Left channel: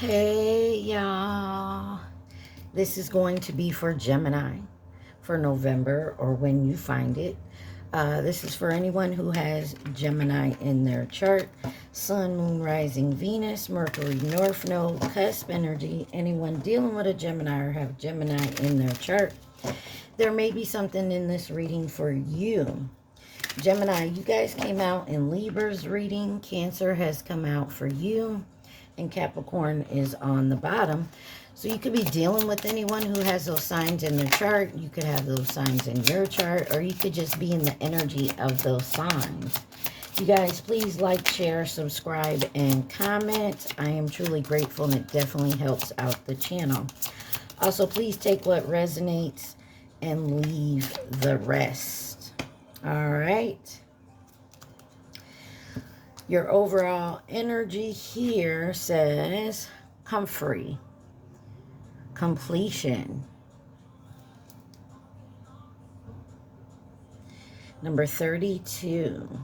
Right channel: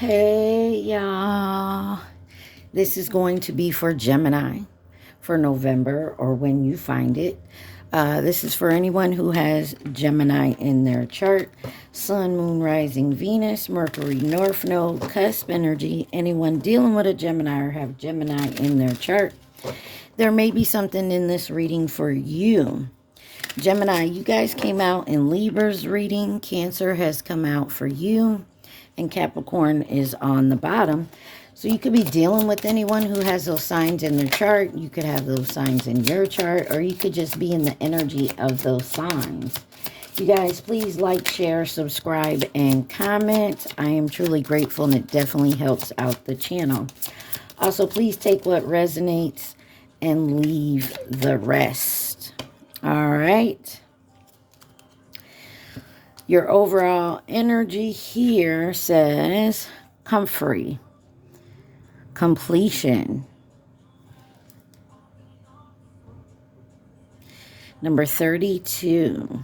Hey, y'all. This is going to be for Gemini for November or when you find it. This is for anyone who has Gemini in their chart. Sun, Moon, Rising, Venus, Mercury, North Node, cusp energy. Anyone dealing with a Gemini or have Gemini in their chart. There may be something in this reading for you. Gemini, you guys came out in Libra's reading. Cancer has come out for you. And Capricorn is on the bottom. So you could be dealing with anyone who has those signs in their chart. You could have those signs in your chart, or you could just be in the energy of those signs. You guys, please like, share, subscribe, and comment. I am truly grateful, and it definitely helps out the channel. Also, please take what resonates and leave the rest. All right. Your overall energy here says comfort, completion. Number 32.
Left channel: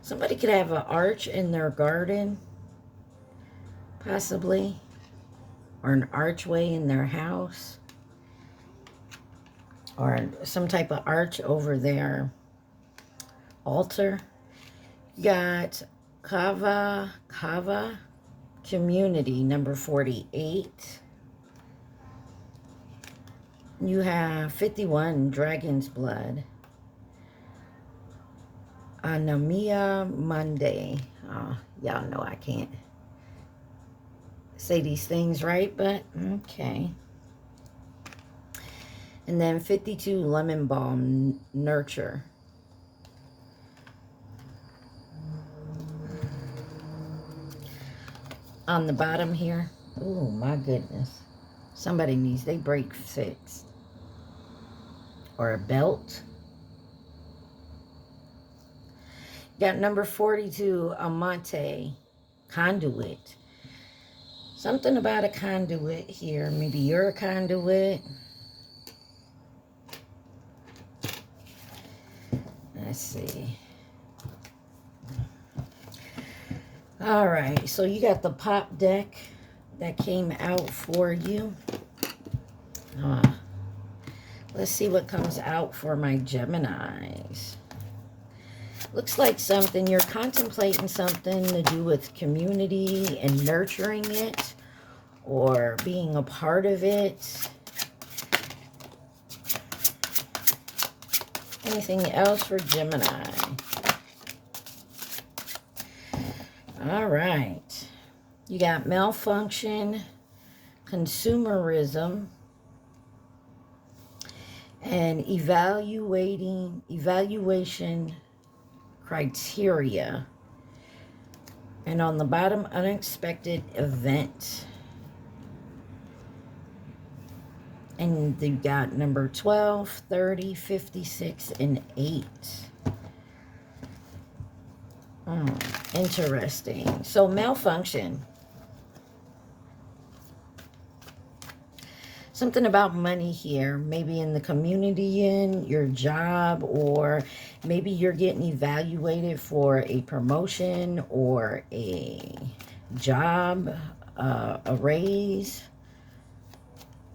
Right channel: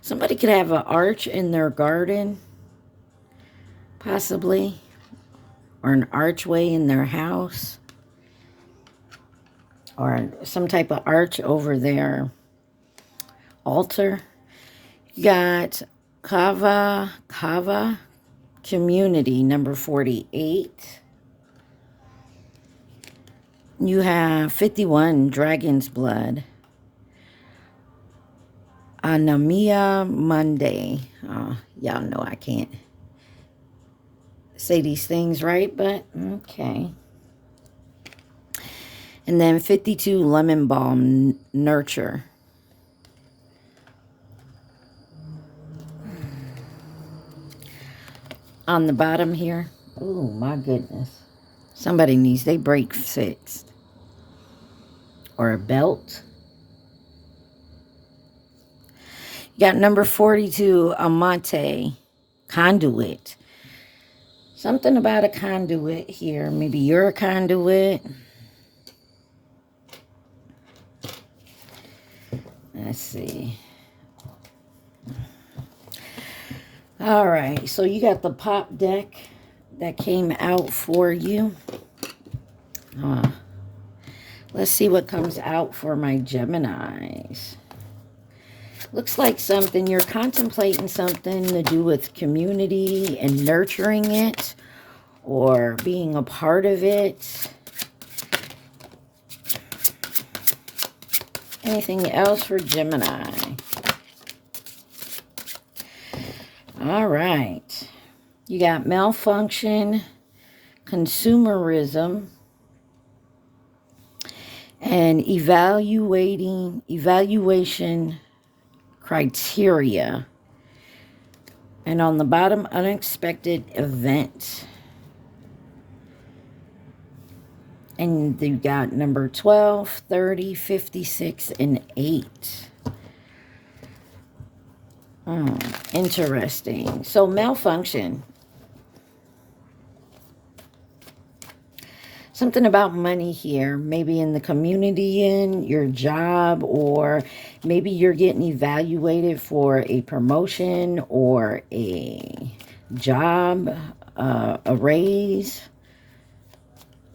Somebody could have an arch in their garden, possibly, or an archway in their house, or some type of arch over their altar. You got Kava Community, number 48. You have 51, Dragon's Blood. Anamia Monday. Y'all know I can't say these things right, but okay. And then 52, Lemon Balm, Nurture. On the bottom here. Oh, my goodness. Somebody needs their brake fixed. Or a belt. You got number 42, Amante, Conduit. Something about a conduit here. Maybe you're a conduit. Let's see. All right, so you got the pop deck that came out for you. Let's see what comes out for my Geminis. Looks like something, you're contemplating something to do with community and nurturing it or being a part of it. Anything else for Gemini? All right. You got malfunction, consumerism, and evaluation criteria. And on the bottom, unexpected event. And you got number 12, 30, 56, and 8. Interesting. So malfunction. Something about money here. Maybe in the community, in your job, or maybe you're getting evaluated for a promotion or a job, a raise.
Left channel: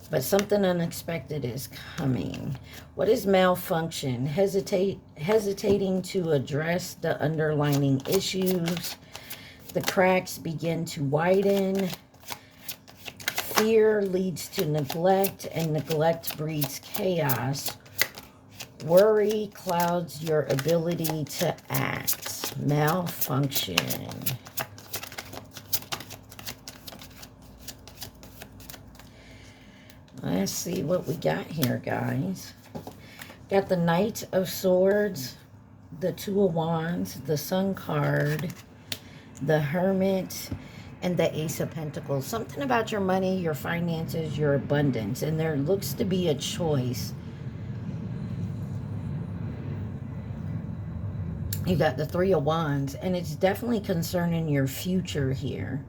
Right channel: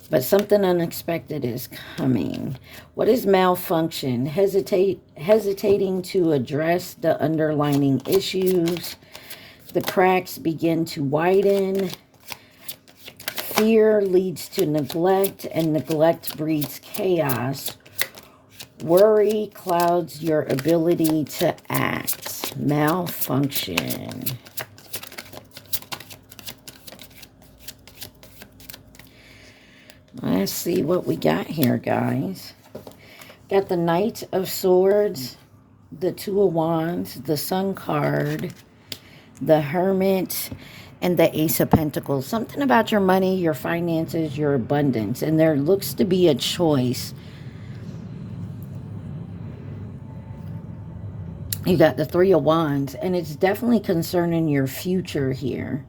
But something unexpected is coming. What is malfunction? Hesitating to address the underlying issues. The cracks begin to widen. Fear leads to neglect, and neglect breeds chaos. Worry clouds your ability to act. Malfunction. Let's see what we got here, guys. Got the Knight of Swords, the Two of Wands, the Sun card, the Hermit, and the Ace of Pentacles. Something about your money, your finances, your abundance. And there looks to be a choice. You got the Three of Wands, and it's definitely concerning your future here.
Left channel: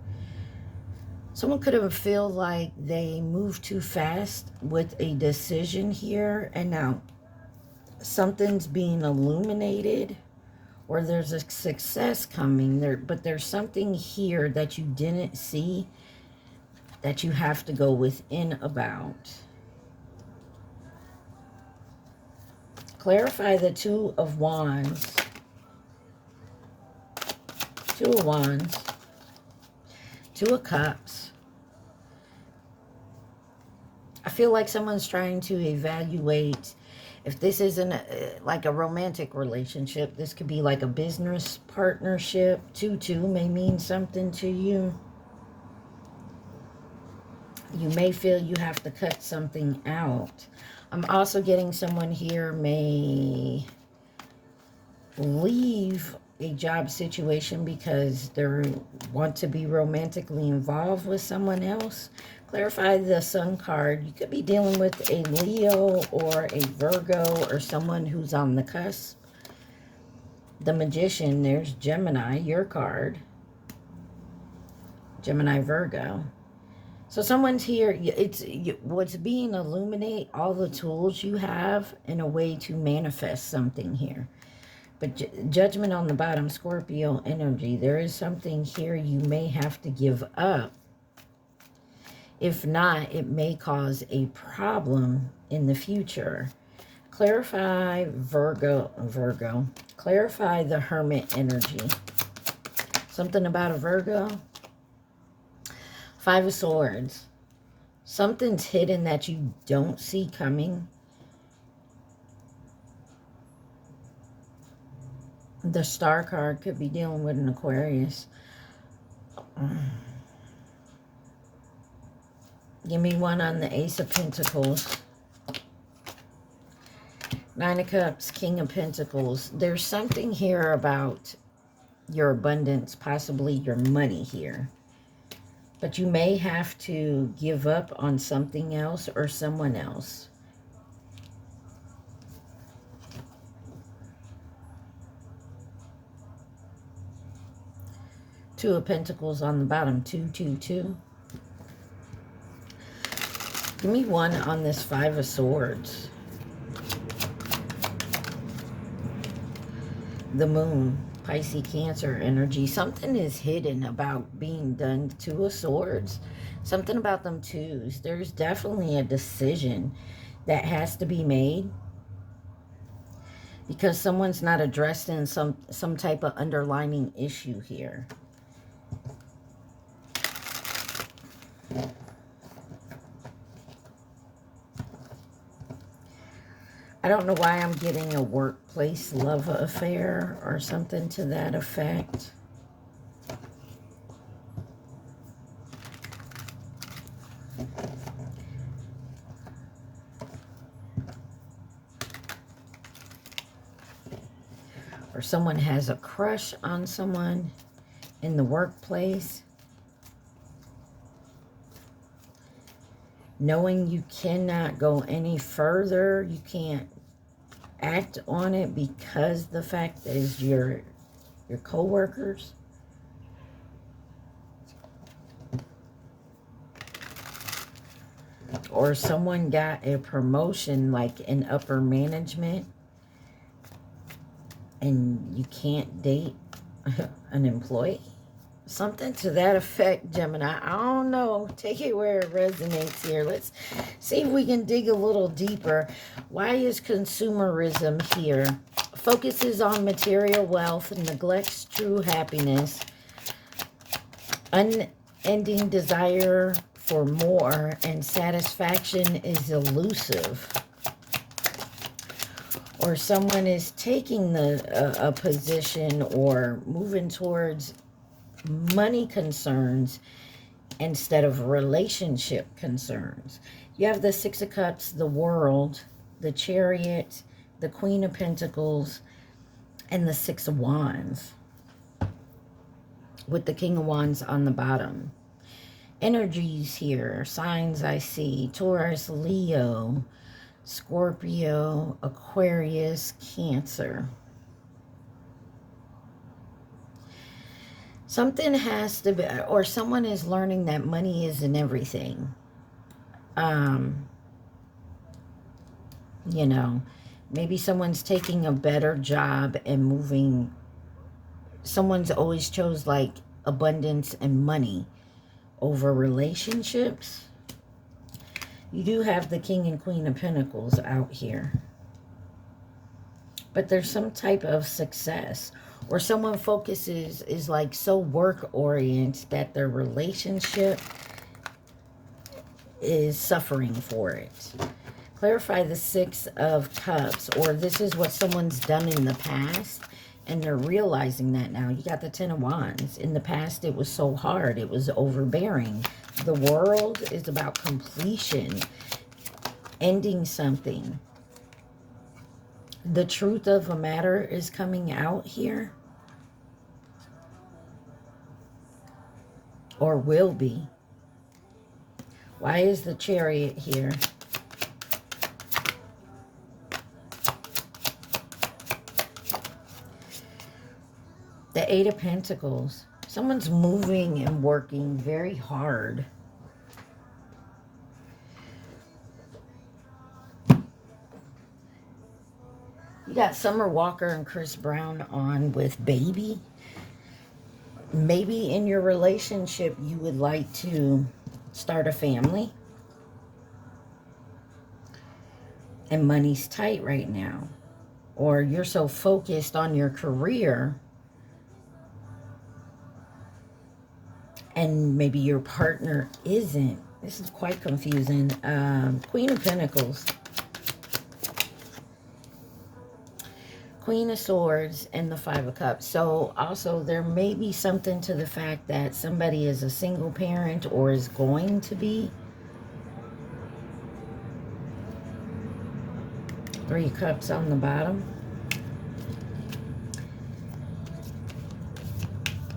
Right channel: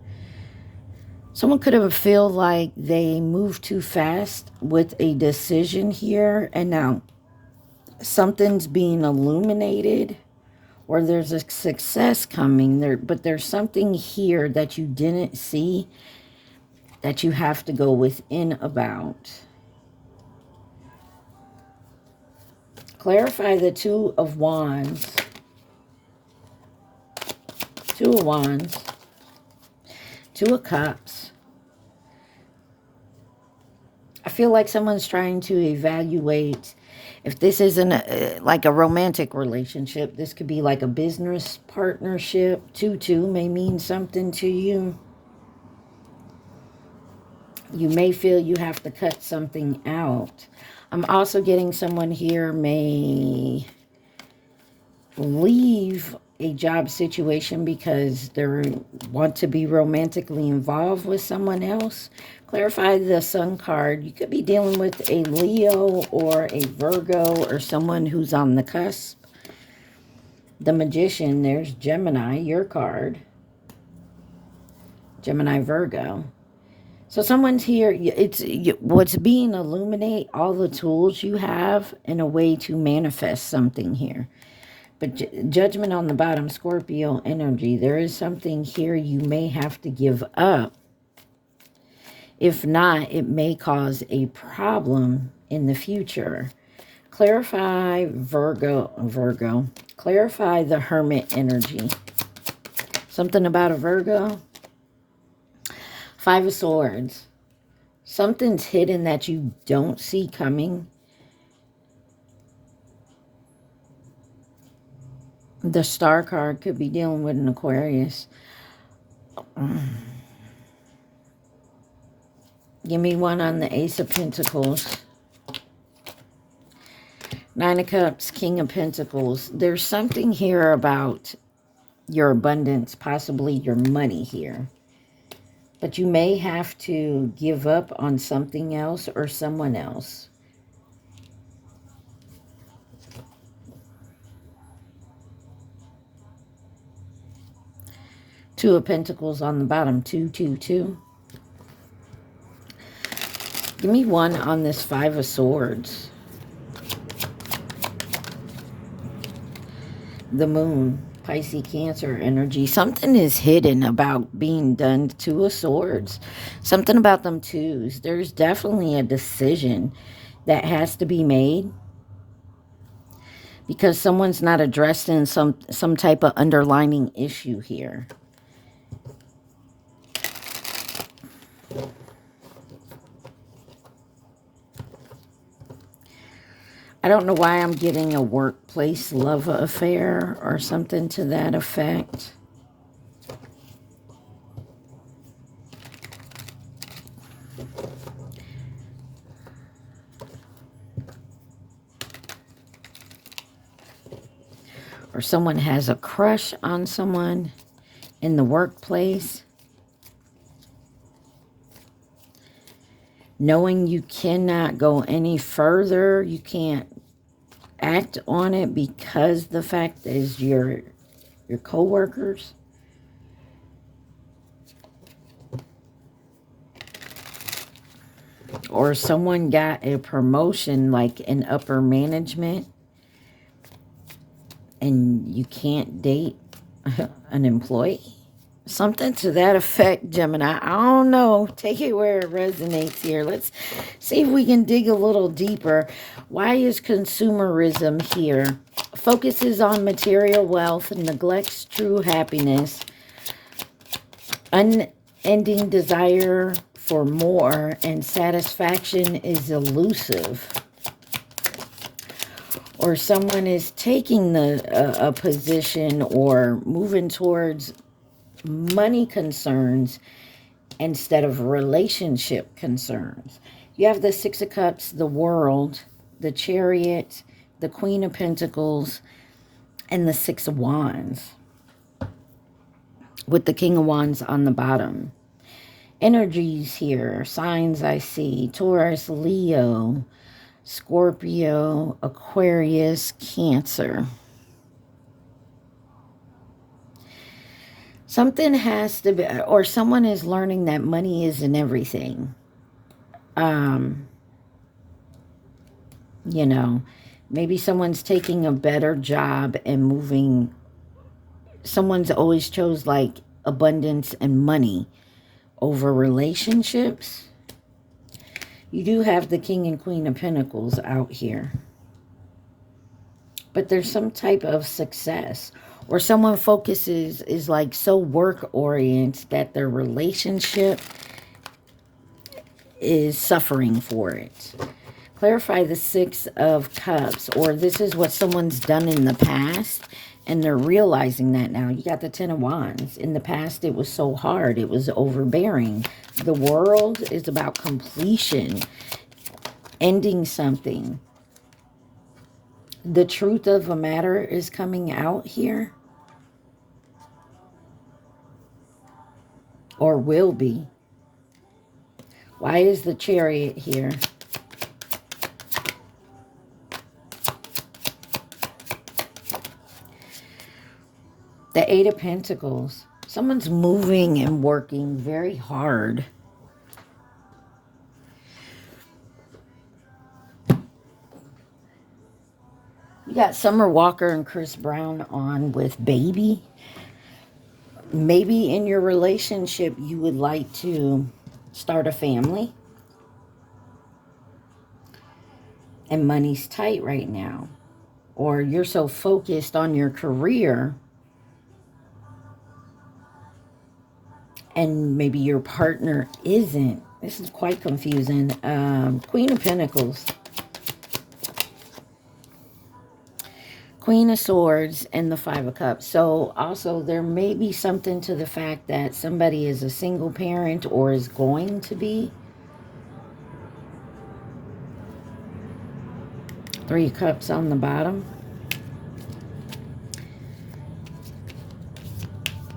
Someone could have feel like they moved too fast with a decision here, and now something's being illuminated or there's a success coming there, but there's something here that you didn't see that you have to go within about. Clarify the Two of Wands. Two of Wands. Two of Cups. I feel like someone's trying to evaluate if this isn't like a romantic relationship. This could be like a business partnership. 2-2 may mean something to you. You may feel you have to cut something out. I'm also getting someone here may leave a job situation because they want to be romantically involved with someone else. Clarify the Sun card. You could be dealing with a Leo or a Virgo or someone who's on the cusp. The Magician, there's Gemini, your card. Gemini, Virgo. So someone's here, what's being illuminate all the tools you have in a way to manifest something here. But Judgment on the bottom, Scorpio energy. There is something here you may have to give up. If not, it may cause a problem in the future. Clarify Virgo. Clarify the Hermit energy. Something about a Virgo. Five of Swords. Something's hidden that you don't see coming. The Star card could be dealing with an Aquarius. Give me one on the Ace of Pentacles. Nine of Cups, King of Pentacles. There's something here about your abundance, possibly your money here. But you may have to give up on something else or someone else. Two of Pentacles on the bottom, 2-2-2. Give me one on this Five of Swords. The Moon, Pisces, Cancer energy. Something is hidden about being done. Two of Swords. Something about them twos. There's definitely a decision that has to be made because someone's not addressing some type of underlining issue here. I don't know why I'm getting a workplace love affair or something to that effect. Or someone has a crush on someone in the workplace. Knowing you cannot go any further, you can't act on it because the fact is your co-workers. Or someone got a promotion like in upper management and you can't date an employee. Something to that effect, Gemini. I don't know. Take it where it resonates here. Let's see if we can dig a little deeper. Why is consumerism here? Focuses on material wealth and neglects true happiness. Unending desire for more and satisfaction is elusive. Or someone is taking a position or moving towards money concerns instead of relationship concerns. You have the Six of Cups, the World, the Chariot, the Queen of Pentacles, and the Six of Wands, with the King of Wands on the bottom. Energies here, signs I see: Taurus, Leo, Scorpio, Aquarius, Cancer. Something has to be, or someone is learning that money isn't everything. You know, maybe someone's taking a better job and moving someone's always chose like abundance and money over relationships. You do have the King and Queen of Pentacles out here. But there's some type of success. Or someone focuses, is like so work-oriented that their relationship is suffering for it. Clarify the Six of Cups. Or this is what someone's done in the past, and they're realizing that now. You got the Ten of Wands. In the past, it was so hard. It was overbearing. The World is about completion. Ending something. The truth of a matter is coming out here. Or will be. Why is the Chariot here? The Eight of Pentacles. Someone's moving and working very hard. You got Summer Walker and Chris Brown on with Baby. Maybe in your relationship you would like to start a family. And money's tight right now. Or you're so focused on your career. And maybe your partner isn't. This is quite confusing. Queen of Pentacles. Queen of Swords and the Five of Cups. So also there may be something to the fact that somebody is a single parent or is going to be. Three of Cups on the bottom.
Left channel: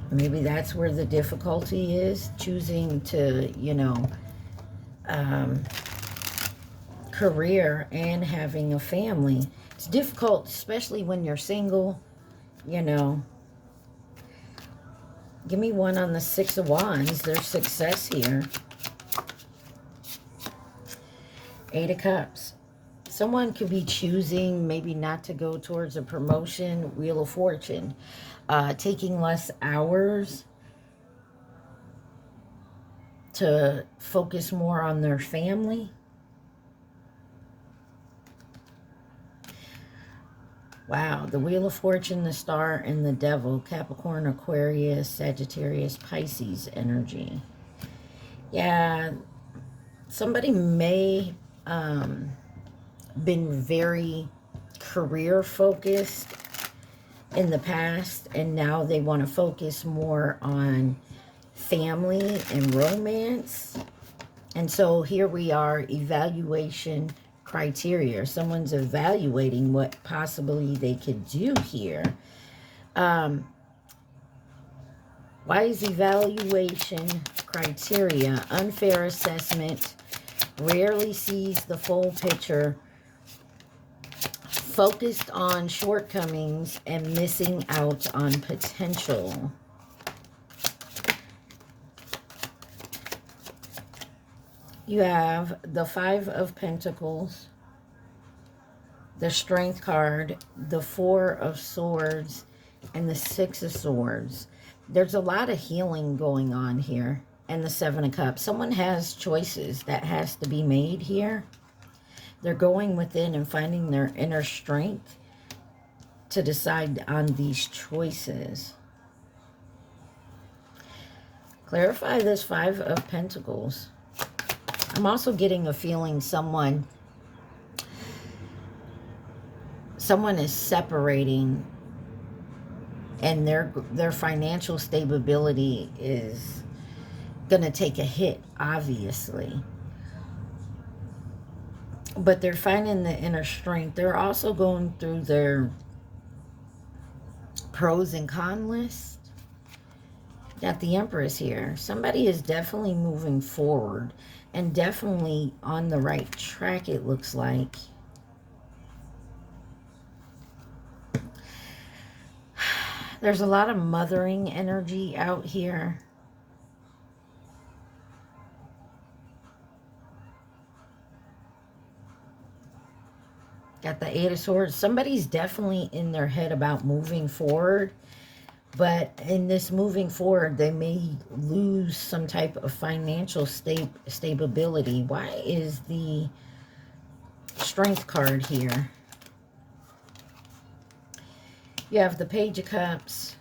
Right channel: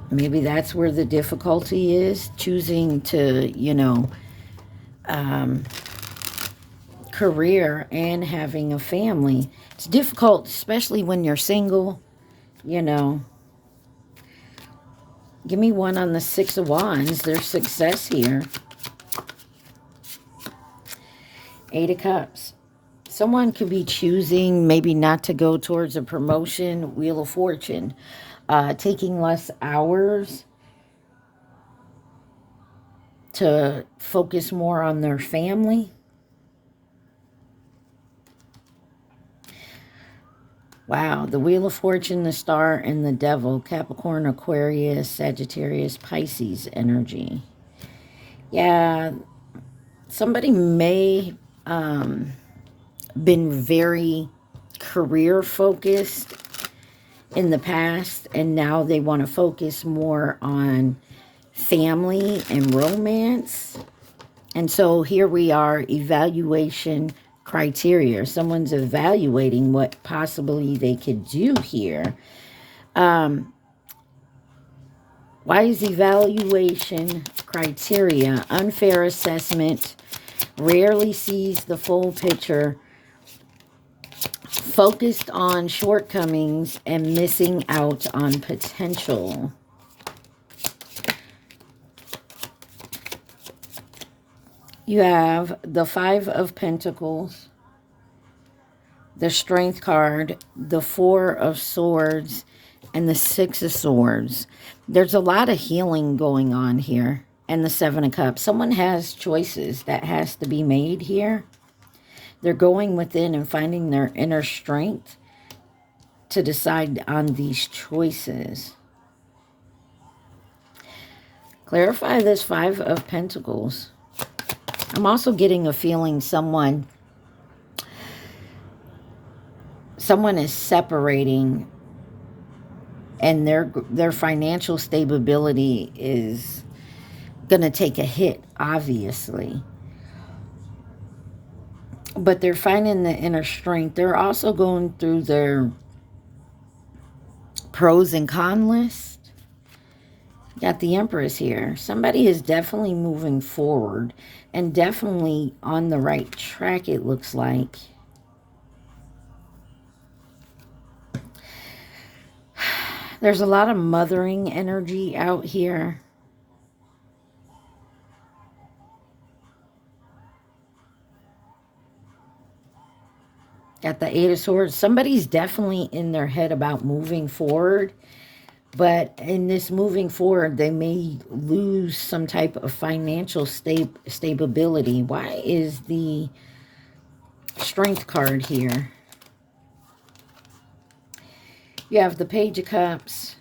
Maybe that's where the difficulty is. Choosing to, you know, career and having a family. It's difficult, especially when you're single, you know. Give me one on the Six of Wands. There's success here. Eight of Cups. Someone could be choosing maybe not to go towards a promotion. Wheel of Fortune. Taking less hours to focus more on their family. Wow, the Wheel of Fortune, the Star, and the Devil. Capricorn, Aquarius, Sagittarius, Pisces energy. Yeah, somebody may been very career focused in the past, and now they want to focus more on family and romance. And so here we are, evaluation criteria. Someone's evaluating what possibly they could do here. Why is evaluation criteria? Unfair assessment, rarely sees the full picture, focused on shortcomings and missing out on potential. You have the Five of Pentacles, the Strength card, the Four of Swords, and the Six of Swords. There's a lot of healing going on here. And the Seven of Cups. Someone has choices that has to be made here. They're going within and finding their inner strength to decide on these choices. Clarify this Five of Pentacles. I'm also getting a feeling someone is separating, and their financial stability is going to take a hit, obviously. But they're finding the inner strength. They're also going through their pros and cons list. Got the Empress here. Somebody is definitely moving forward and definitely on the right track, it looks like. There's a lot of mothering energy out here. Got the Eight of Swords. Somebody's definitely in their head about moving forward. But in this moving forward, they may lose some type of financial stability. Why is the Strength card here? You have the Page of Cups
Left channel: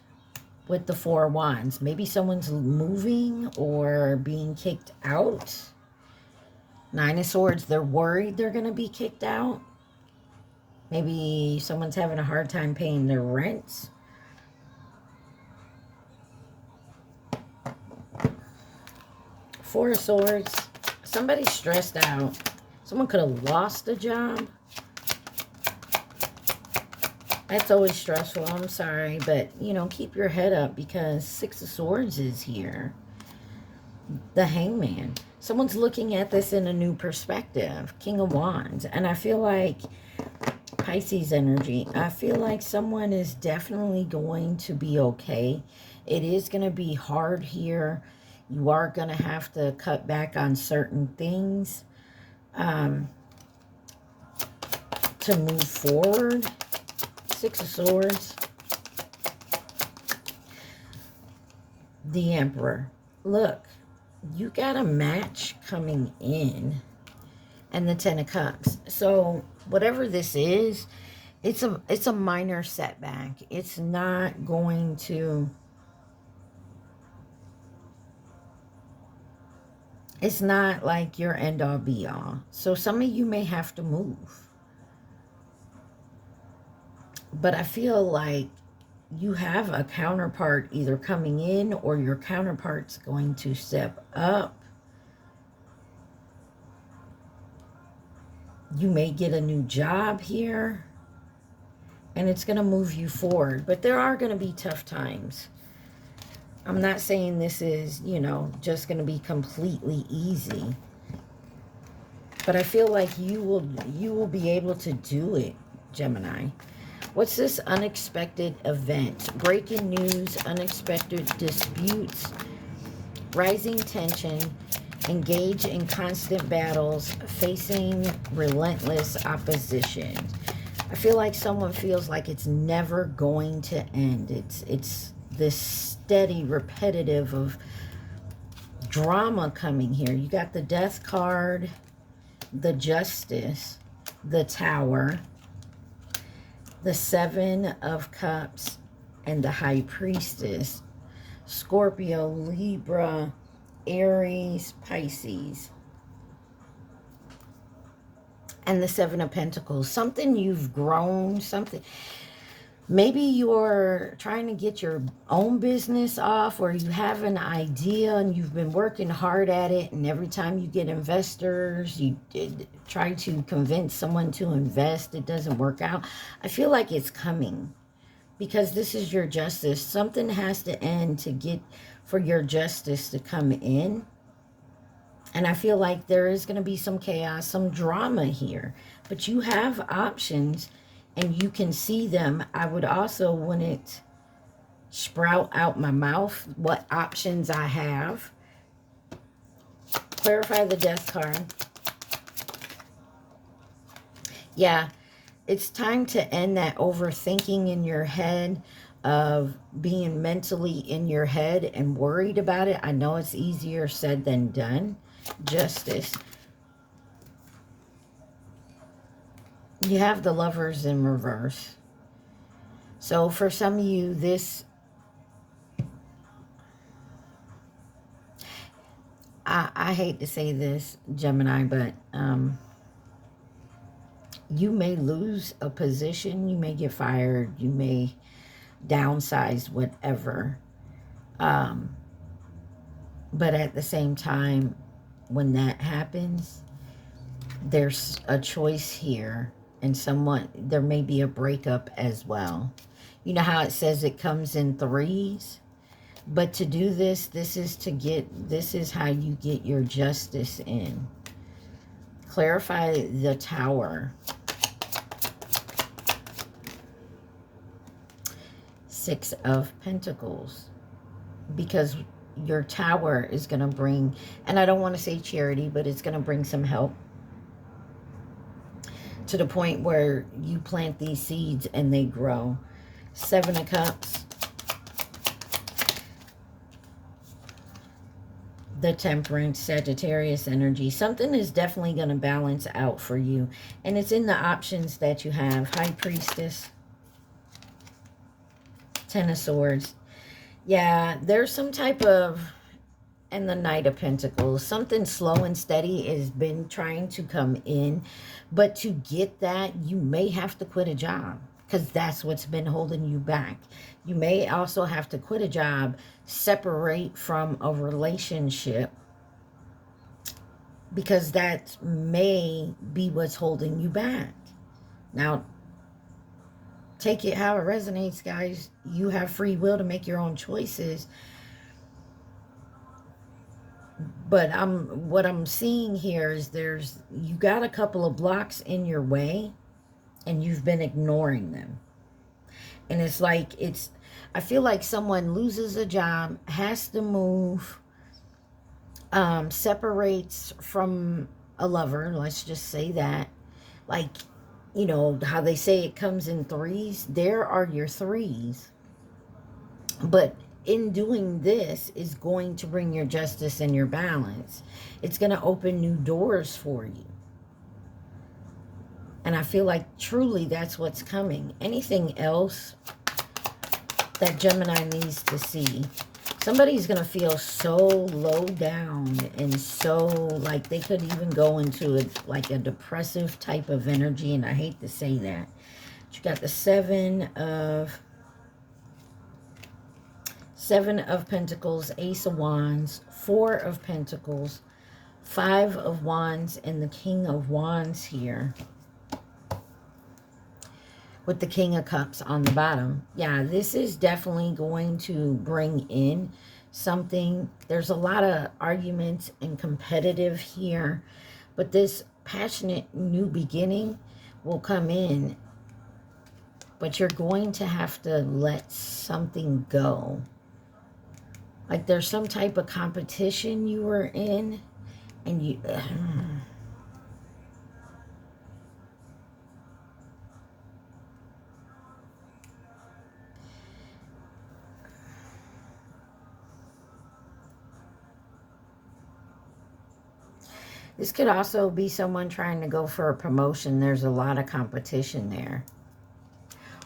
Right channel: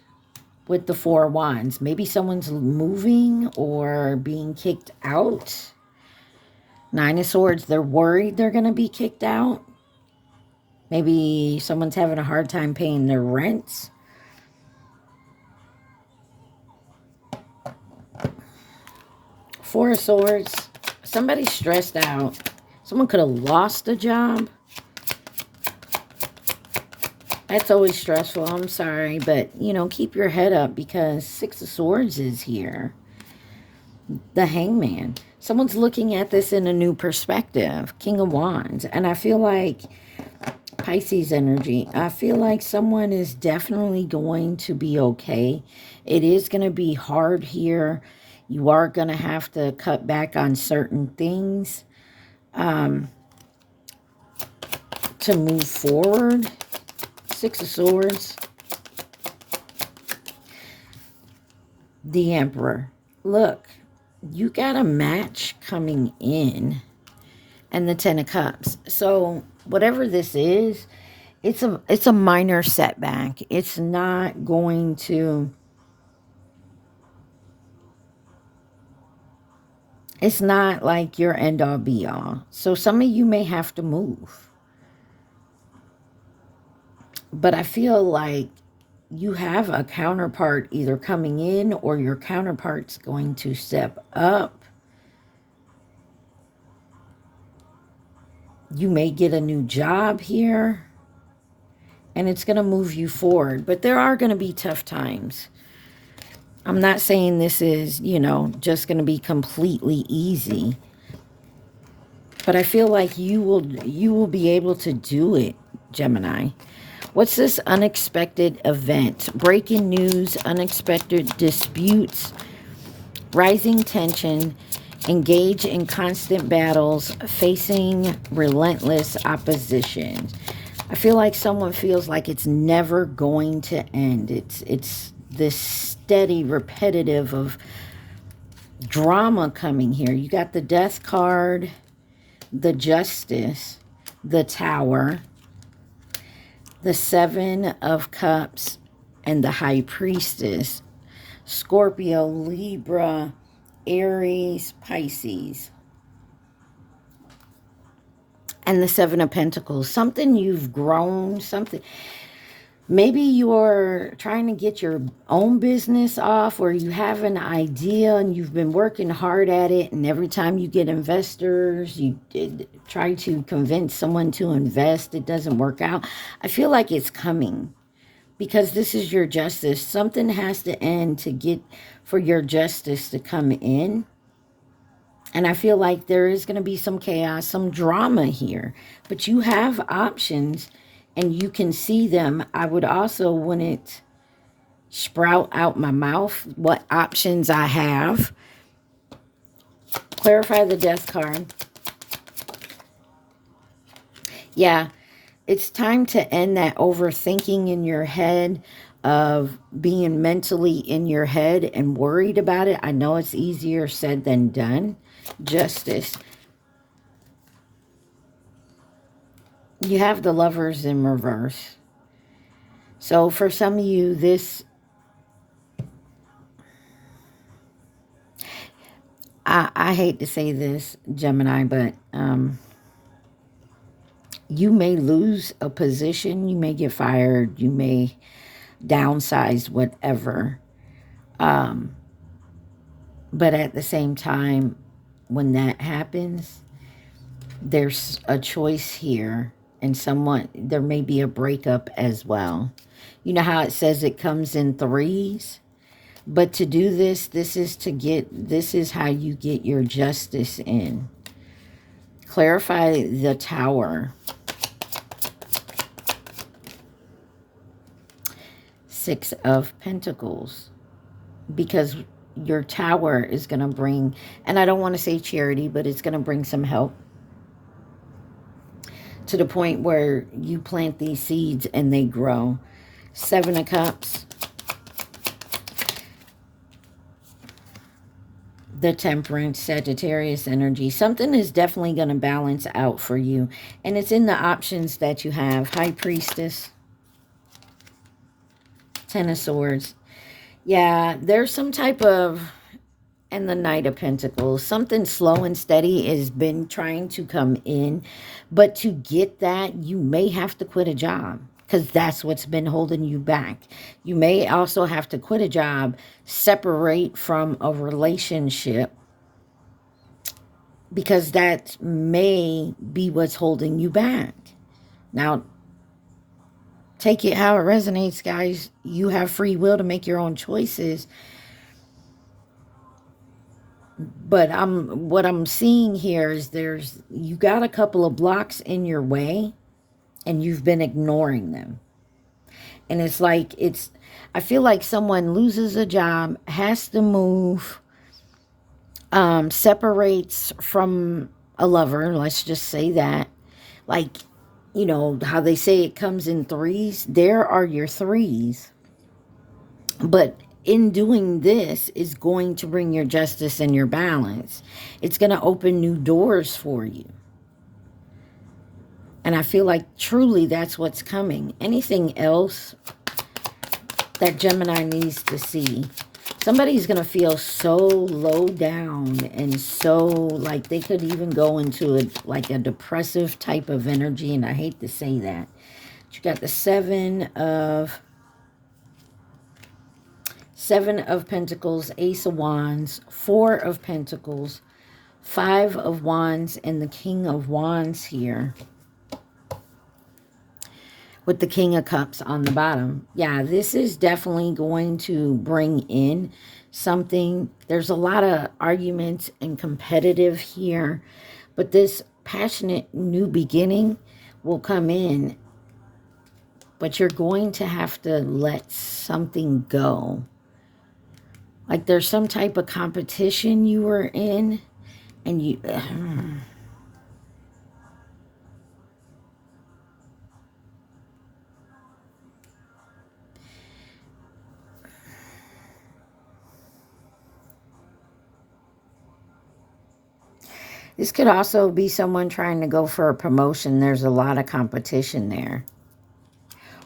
with the Four of Wands. Maybe someone's moving or being kicked out. Nine of Swords, they're worried they're going to be kicked out. Maybe someone's having a hard time paying their rents. Four of Swords, somebody's stressed out. Someone could have lost a job. That's always stressful. I'm sorry, but, you know, keep your head up because Six of Swords is here. The Hangman. Someone's looking at this in a new perspective. King of Wands. And I feel like Pisces energy. I feel like someone is definitely going to be okay. It is going to be hard here. You are going to have to cut back on certain things to move forward. Six of Swords. The Emperor. Look, you got a match coming in. And the Ten of Cups. So whatever this is, it's a minor setback. It's not going to... It's not like your end-all be-all. So some of you may have to move. But I feel like you have a counterpart either coming in or your counterpart's going to step up. You may get a new job here. And it's going to move you forward. But there are going to be tough times. I'm not saying this is, you know, just going to be completely easy. But I feel like you will be able to do it, Gemini. What's this unexpected event? Breaking news, unexpected disputes, rising tension, engage in constant battles, facing relentless opposition. I feel like someone feels like it's never going to end. It's this steady, repetitive of drama coming here. You got the Death card, the Justice, the Tower, the Seven of Cups, and the High Priestess. Scorpio, Libra, Aries, Pisces. And the Seven of Pentacles. Something you've grown, something... Maybe you're trying to get your own business off, or you have an idea and you've been working hard at it, and every time you get investors, you try to convince someone to invest, it doesn't work out. I feel like it's coming because this is your justice. Something has to end to get for your justice to come in. And I feel like there is going to be some chaos, some drama here. But you have options and you can see them. I would also, when it sprout out my mouth, what options I have. Clarify the Death card. Yeah, it's time to end that overthinking in your head, of being mentally in your head and worried about it. I know it's easier said than done. Justice. You have the Lovers in reverse. So for some of you, this... I hate to say this, Gemini, but you may lose a position. You may get fired. You may downsize, whatever. But at the same time, when that happens, there's a choice here. And there may be a breakup as well. You know how it says it comes in threes? But to do this, this is how you get your justice in. Clarify the Tower. Six of Pentacles. Because your Tower is going to bring, and I don't want to say charity, but it's going to bring some help. To the point where you plant these seeds and they grow. Seven of Cups. the Temperance, Sagittarius energy. Something is definitely going to balance out for you. And it's in the options that you have. High Priestess. Ten of Swords. Yeah, there's some type of... And the Knight of Pentacles. Something slow and steady has been trying to come in. But to get that, you may have to quit a job. Because that's what's been holding you back. You may also have to quit a job, separate from a relationship, because that may be what's holding you back. Now, take it how it resonates, guys. You have free will to make your own choices. But what I'm seeing here is you got a couple of blocks in your way, and you've been ignoring them. And it's like, I feel like someone loses a job, has to move, separates from a lover, let's just say that. Like, you know, how they say it comes in threes. There are your threes. But in doing this is going to bring your justice and your balance. It's going to open new doors for you. And I feel like truly that's what's coming. Anything else that Gemini needs to see? Somebody's going to feel so low down and so like they could even go into a depressive type of energy. And I hate to say that. But you got the Seven of Pentacles, Ace of Wands, Four of Pentacles, Five of Wands, and the King of Wands here. With the King of Cups on the bottom. Yeah, this is definitely going to bring in something. There's a lot of arguments and competitive here. But this passionate new beginning will come in. But you're going to have to let something go. Like there's some type of competition you were in. And you... This could also be someone trying to go for a promotion. There's a lot of competition there.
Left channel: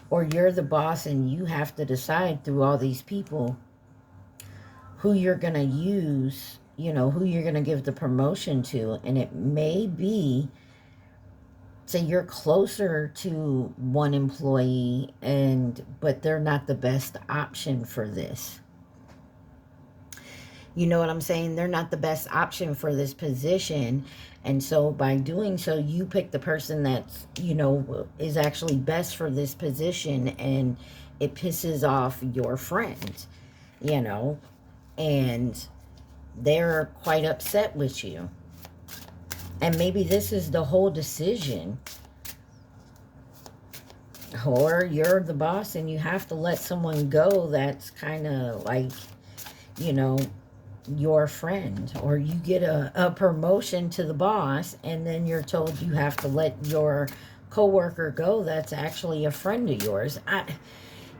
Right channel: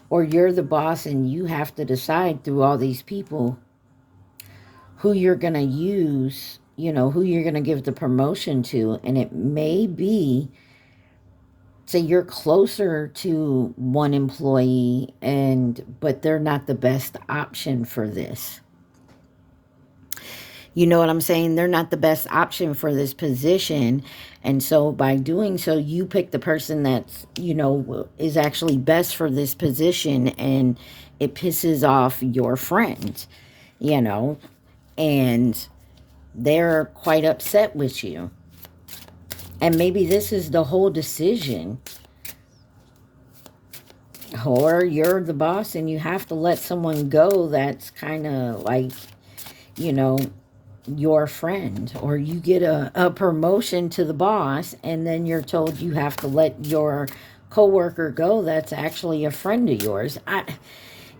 Or you're the boss and you have to decide through all these people who you're going to use, you know, who you're going to give the promotion to. And it may be, say you're closer to one employee, but they're not the best option for this. You know what I'm saying? They're not the best option for this position. And so by doing so, you pick the person that's, you know, is actually best for this position. And it pisses off your friend, you know, and they're quite upset with you. And maybe this is the whole decision. Or you're the boss and you have to let someone go that's kind of like, you know, your friend. Or you get a promotion to the boss and then you're told you have to let your coworker go that's actually a friend of yours.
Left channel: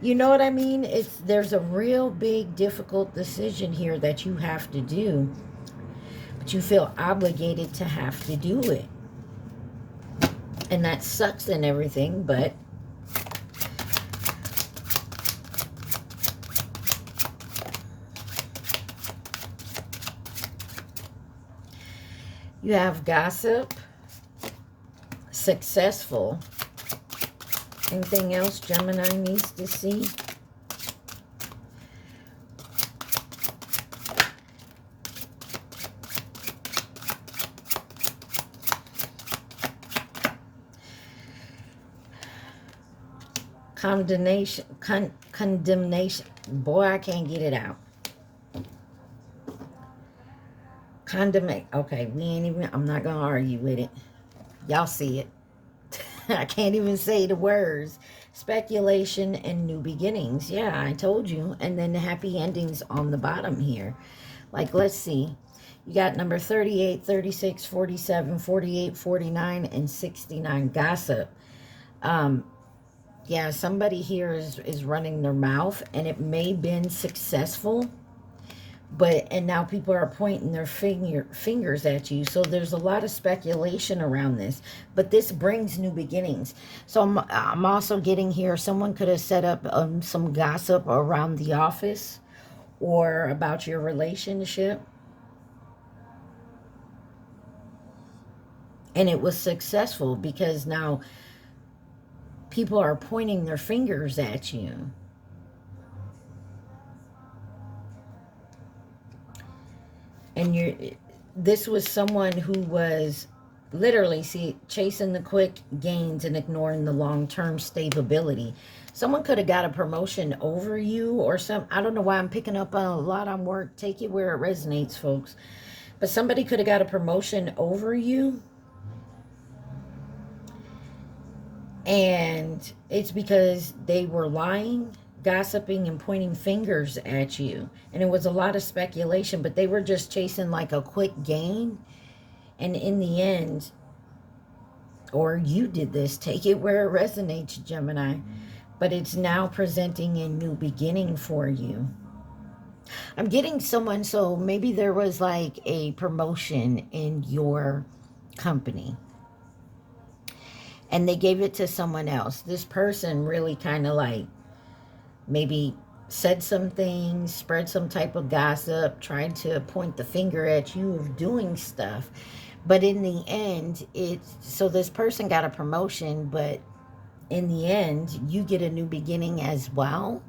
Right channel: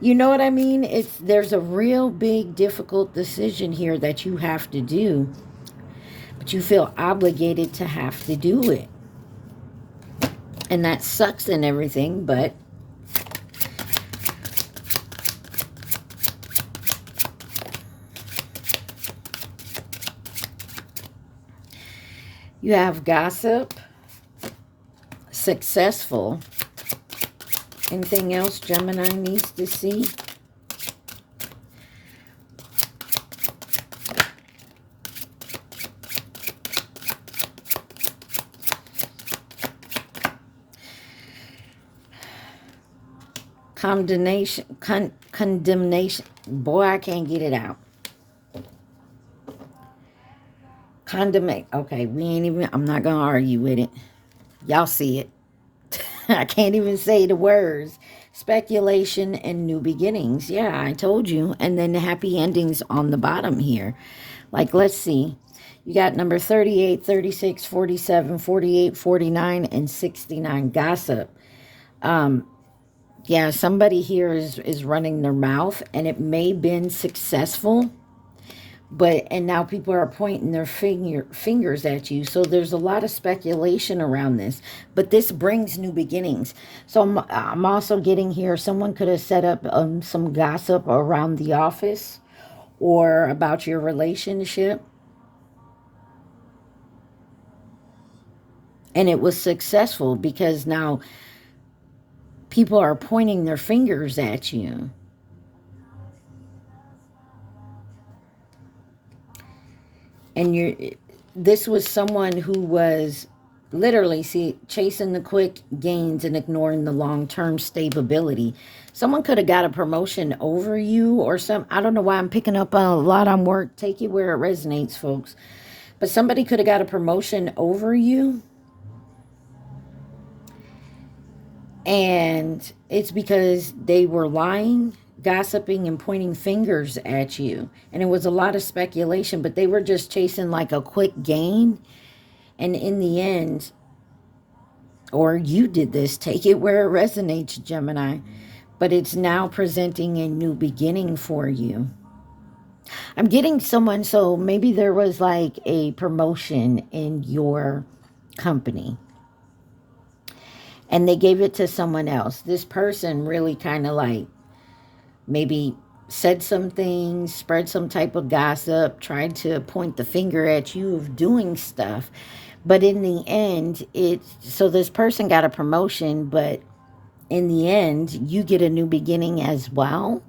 You know what I mean? There's a real big difficult decision here that you have to do, but you feel obligated to have to do it. And that sucks and everything, but you have gossip, successful. Anything else Gemini needs to see? Condemnation. Boy, I can't get it out. Okay, I'm not going to argue with it. Y'all see it. I can't even say the words. Speculation and new beginnings. Yeah, I told you. And then the happy endings on the bottom here. Like, let's see. You got number 38, 36, 47, 48, 49, and 69. Gossip. Yeah, somebody here is running their mouth. And it may have been successful. And now people are pointing their fingers at you. So there's a lot of speculation around this, but this brings new beginnings. So I'm also getting here, someone could have set up some gossip around the office or about your relationship, and it was successful because now people are pointing their fingers at you. And this was someone who was literally, see, chasing the quick gains and ignoring the long-term stability. Someone could have got a promotion over you or I don't know why I'm picking up a lot on work. Take it where it resonates, folks. But somebody could have got a promotion over you. And it's because they were lying, gossiping, and pointing fingers at you. And it was a lot of speculation, but they were just chasing like a quick gain. And in the end, or you did this, take it where it resonates, Gemini, but it's now presenting a new beginning for you. I'm getting someone, so maybe there was like a promotion in your company and they gave it to someone else. This person really kind of like maybe said some things, spread some type of gossip, tried to point the finger at you of doing stuff. But in the end, so this person got a promotion, but in the end, you get a new beginning as well.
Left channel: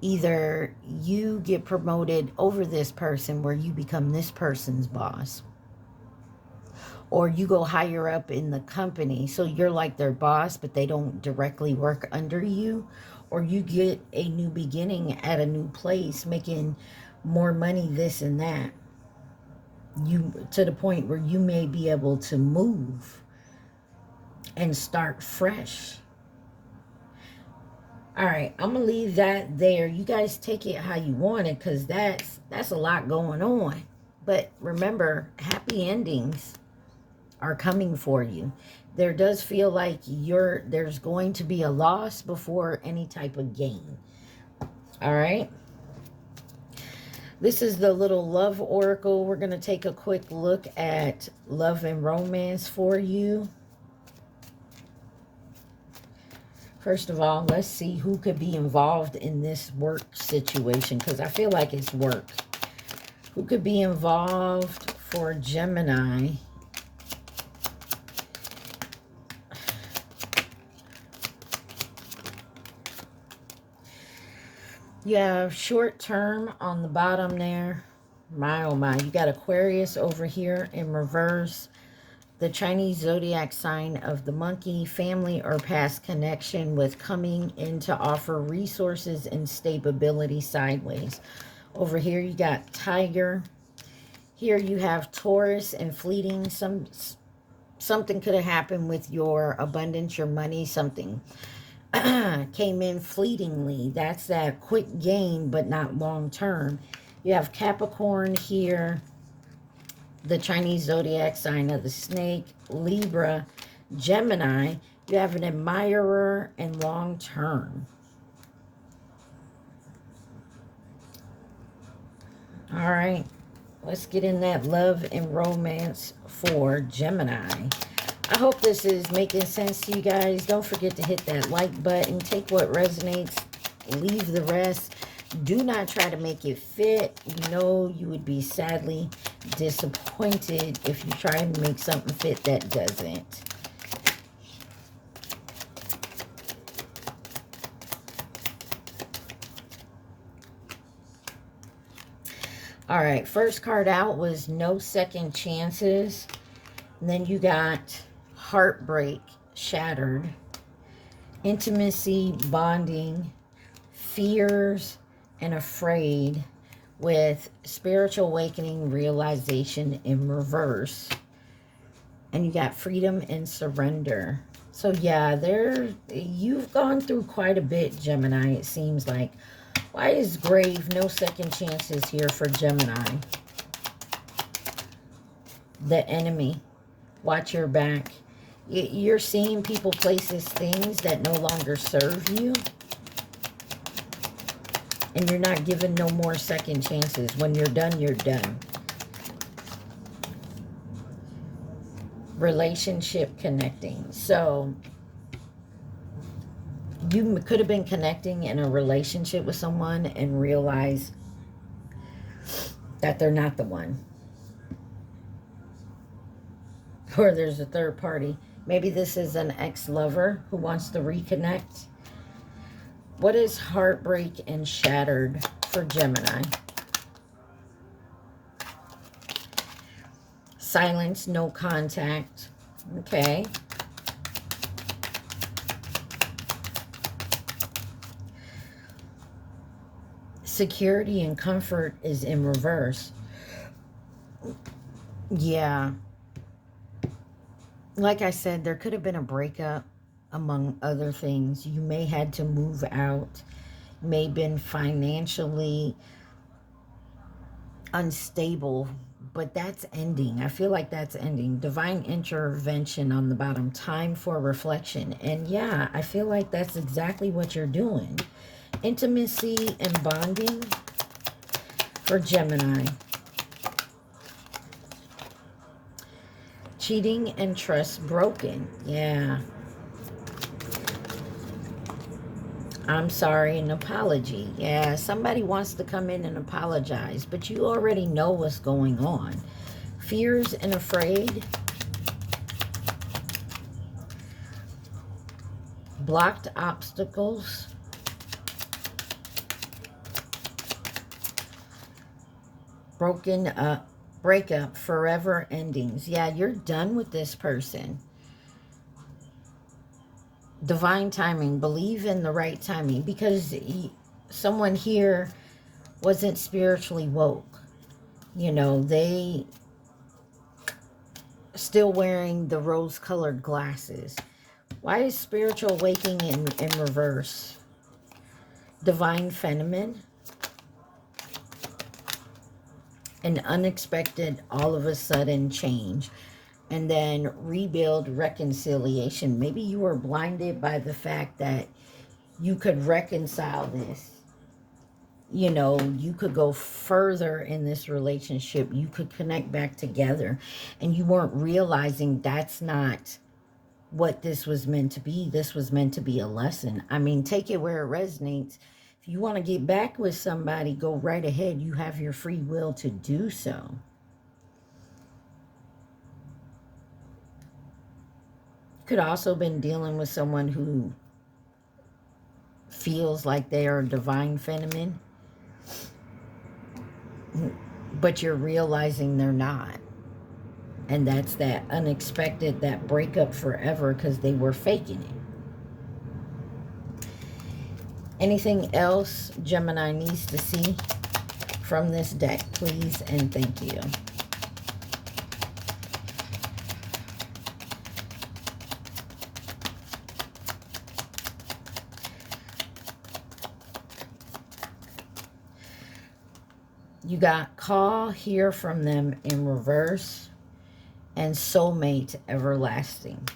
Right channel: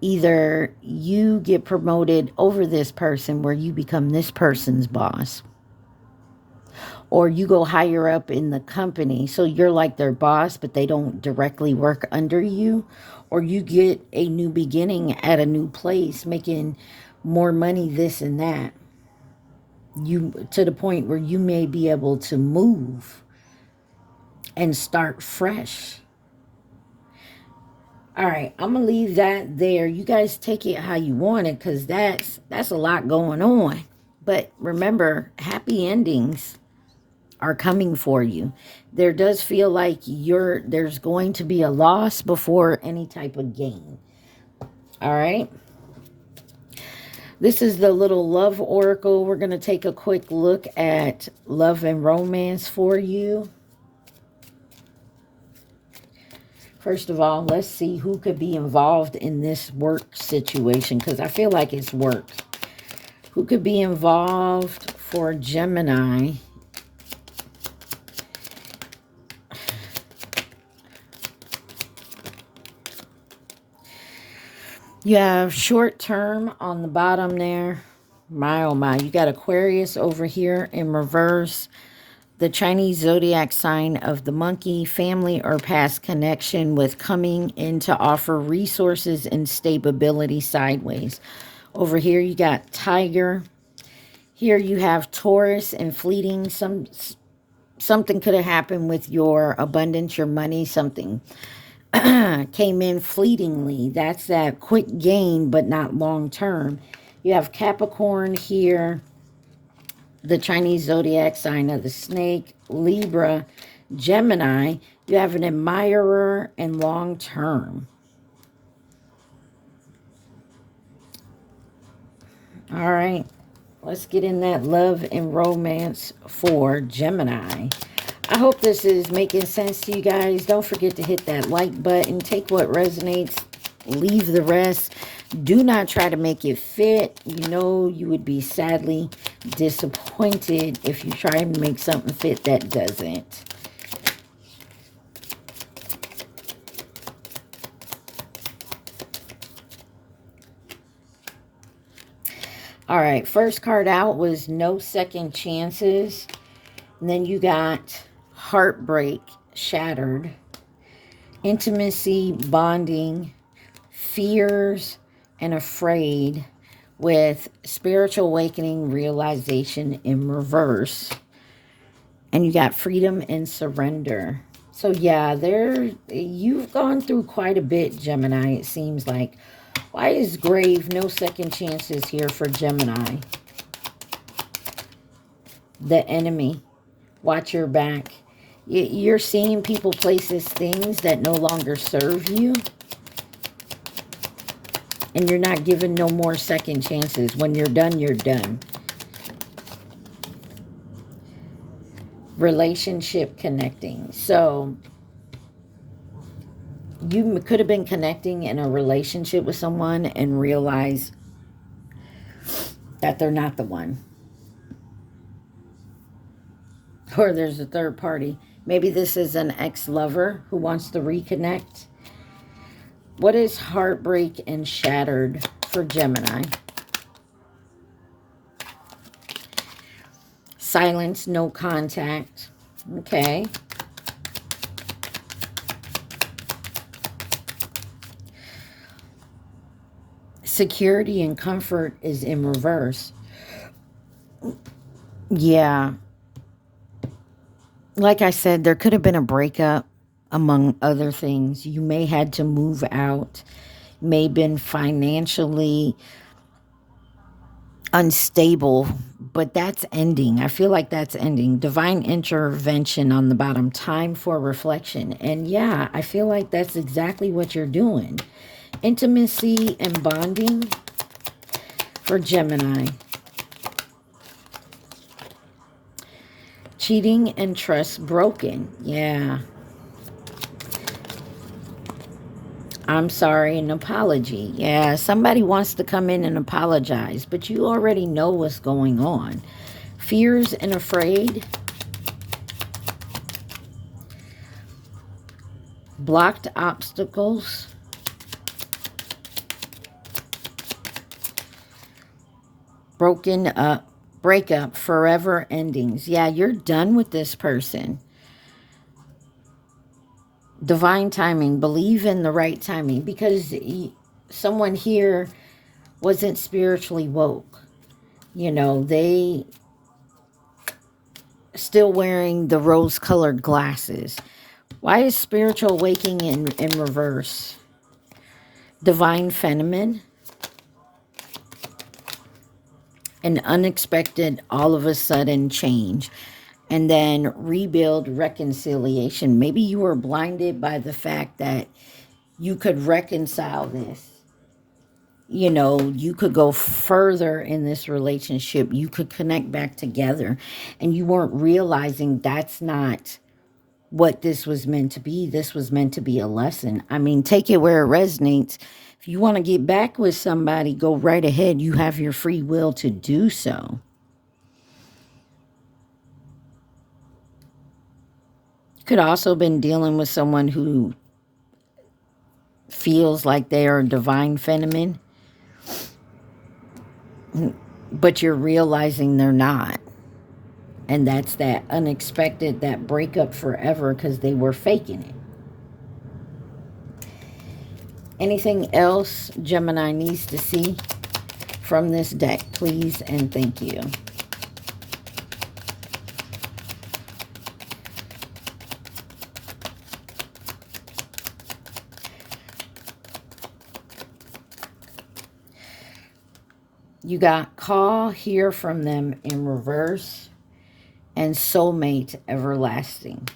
Either you get promoted over this person where you become this person's boss, or you go higher up in the company. So you're like their boss, but they don't directly work under you. Or you get a new beginning at a new place, making more money, this and that. You to the point where you may be able to move and start fresh. All right, I'm gonna leave that there. You guys take it how you want it, because that's a lot going on. But remember, happy endings are coming for you. There does feel like there's going to be a loss before any type of gain. All right. This is the little love oracle. We're going to take a quick look at love and romance for you. First of all, let's see who could be involved in this work situation, because I feel like it's work. Who could be involved for Gemini? You have short term on the bottom there. My, oh my. You got Aquarius over here in reverse. The Chinese zodiac sign of the monkey, family or past connection with coming in to offer resources and stability sideways. Over here you got Tiger. Here you have Taurus and fleeting. Something could have happened with your abundance, your money, something came in fleetingly. That's that quick gain, but not long term. You have Capricorn here, the Chinese zodiac sign of the snake, Libra, Gemini. You have an admirer and long term. All right, let's get in that love and romance for Gemini. I hope this is making sense to you guys. Don't forget to hit that like button. Take what resonates. Leave the rest. Do not try to make it fit. You know you would be sadly disappointed if you try and make something fit that doesn't. All right, first card out was no second chances. And then you got heartbreak, shattered, intimacy, bonding, fears, and afraid, with spiritual awakening, realization in reverse. And you got freedom and surrender. So yeah, you've gone through quite a bit, Gemini, it seems like. Why is grave, no second chances here for Gemini? The enemy. Watch your back. You're seeing people, places, things that no longer serve you. And you're not given no more second chances. When you're done, you're done. Relationship connecting. So you could have been connecting in a relationship with someone and realize that they're not the one. Or there's a third party. Maybe this is an ex-lover who wants to reconnect. What is heartbreak and shattered for Gemini? Silence, no contact. Okay. Security and comfort is in reverse. Yeah. Like I said, there could have been a breakup, among other things. You may had to move out, may have been financially unstable, but that's ending. I feel like that's ending. Divine intervention on the bottom. Time for reflection. And yeah, I feel like that's exactly what you're doing. Intimacy and bonding for Gemini. Cheating and trust broken. Yeah. I'm sorry, an apology. Yeah, somebody wants to come in and apologize, but you already know what's going on. Fears and afraid. Blocked obstacles. Broken up. Breakup. Forever endings. Yeah, you're done with this person. Divine timing. Believe in the right timing, because someone here wasn't spiritually woke. You know, they still wearing the rose-colored glasses. Why is spiritual awakening in reverse? Divine feminine. An unexpected, all of a sudden change. And then rebuild, reconciliation. Maybe you were blinded by the fact that you could reconcile this. You know, you could go further in this relationship. You could connect back together. And you weren't realizing that's not what this was meant to be. This was meant to be a lesson. I mean, take it where it resonates. If you want to get back with somebody, go right ahead. You have your free will to do so. Could also been dealing with someone who feels like they are divine feminine, but you're realizing they're not. And that's that unexpected, that breakup forever, because they were faking it. Anything else Gemini needs to see from this deck, please and thank you. You got call, hear from them in reverse, and soulmate everlasting.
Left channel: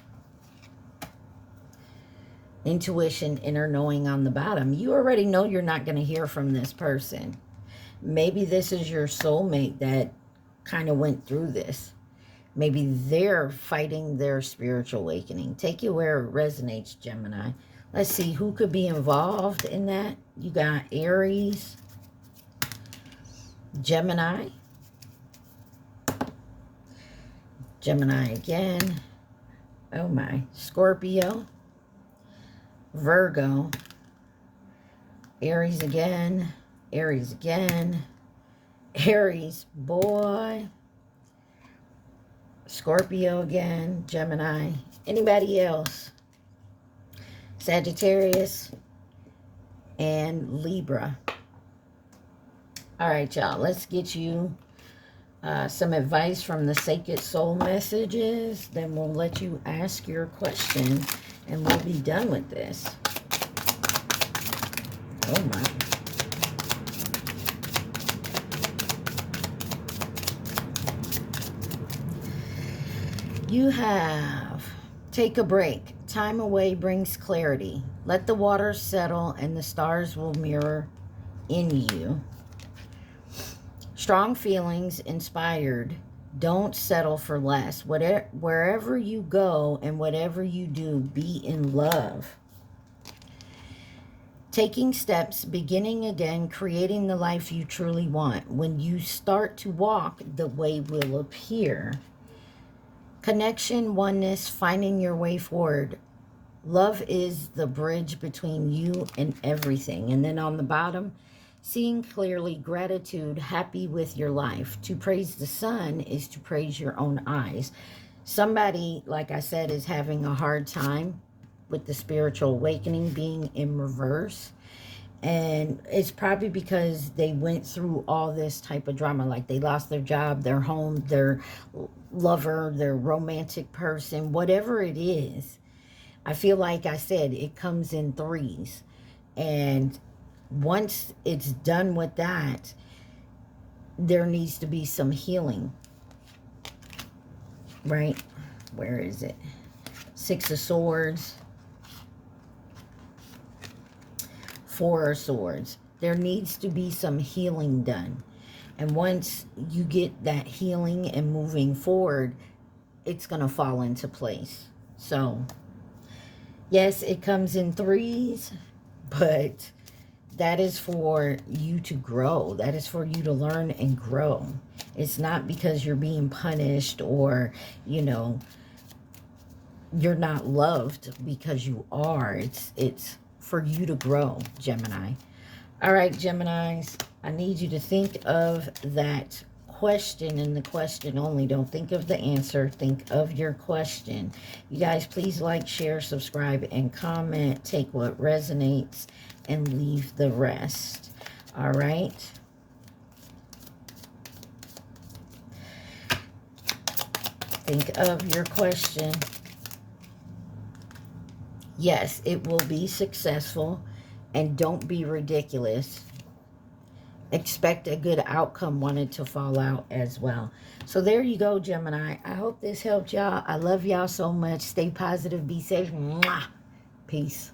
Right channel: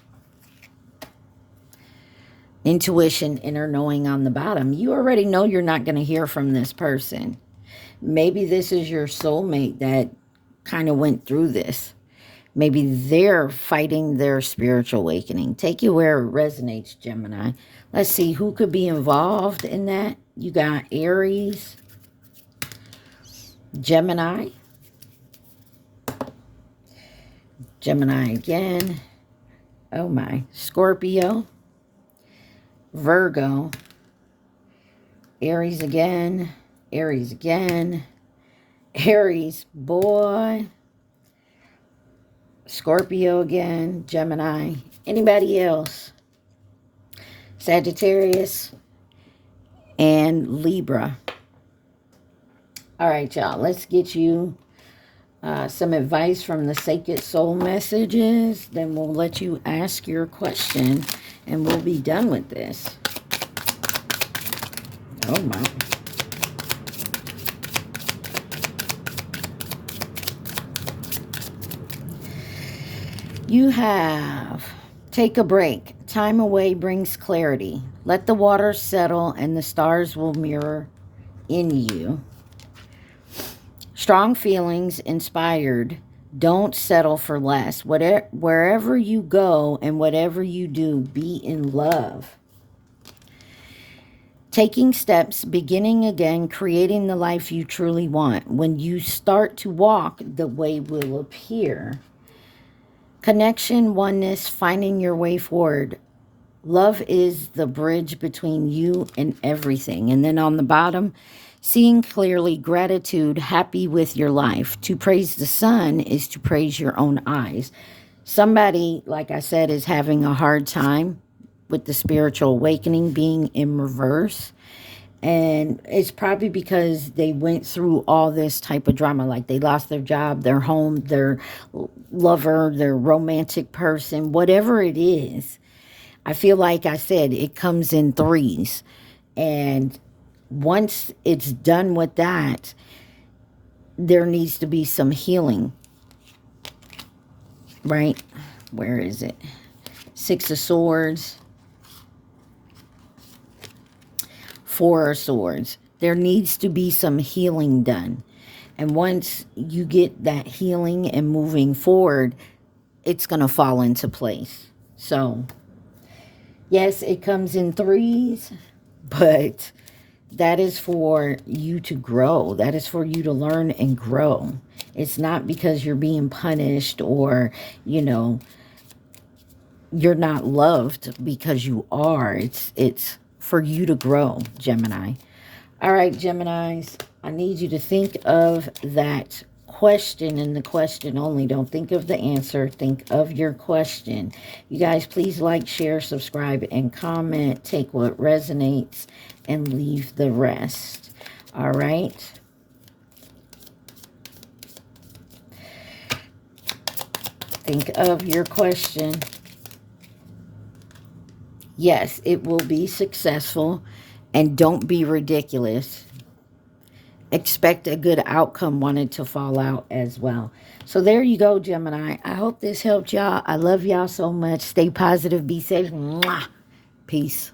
Intuition, inner knowing on the bottom. You already know you're not going to hear from this person. Maybe this is your soulmate that kind of went through this. Maybe they're fighting their spiritual awakening. Take it where it resonates, Gemini. Let's see who could be involved in that. You got Aries, Gemini, Gemini again, oh my, Scorpio, Virgo, Aries again, Aries again, Aries, boy, Scorpio again, Gemini, anybody else, Sagittarius, and Libra. All right, y'all, let's get you some advice from the Sacred Soul Messages. Then we'll let you ask your question, and we'll be done with this. Oh, my. You have take a break. Time away brings clarity. Let the waters settle, and the stars will mirror in you. Strong feelings, inspired. Don't settle for less. Wherever you go and whatever you do, be in love. Taking steps, beginning again, creating the life you truly want. When you start to walk, the way will appear. Connection, oneness, finding your way forward. Love is the bridge between you and everything. And then on the bottom, seeing clearly, gratitude, happy with your life. To praise the sun is to praise your own eyes. Somebody, like I said, is having a hard time with the spiritual awakening being in reverse. And it's probably because they went through all this type of drama. Like they lost their job, their home, their lover, their romantic person, whatever it is. I feel like I said, it comes in threes. And once it's done with that, there needs to be some healing. Right? Where is it? Six of Swords. Four of Swords. There needs to be some healing done. And once you get that healing and moving forward, it's going to fall into place. So, yes, it comes in threes, but that is for you to grow. That is for you to learn and grow. It's not because you're being punished or, you know, you're not loved, because you are. It's for you to grow, Gemini. All right, Geminis, I need you to think of that question and the question only. Don't think of the answer. Think of your question. You guys, please like, share, subscribe, and comment. Take what resonates and leave the rest. All right. Think of your question. Yes, it will be successful, and don't be ridiculous. Expect a good outcome, want it to fall out as well. So there you go, Gemini. I hope this helped y'all. I love y'all so much. Stay positive. Be safe. Mwah. Peace.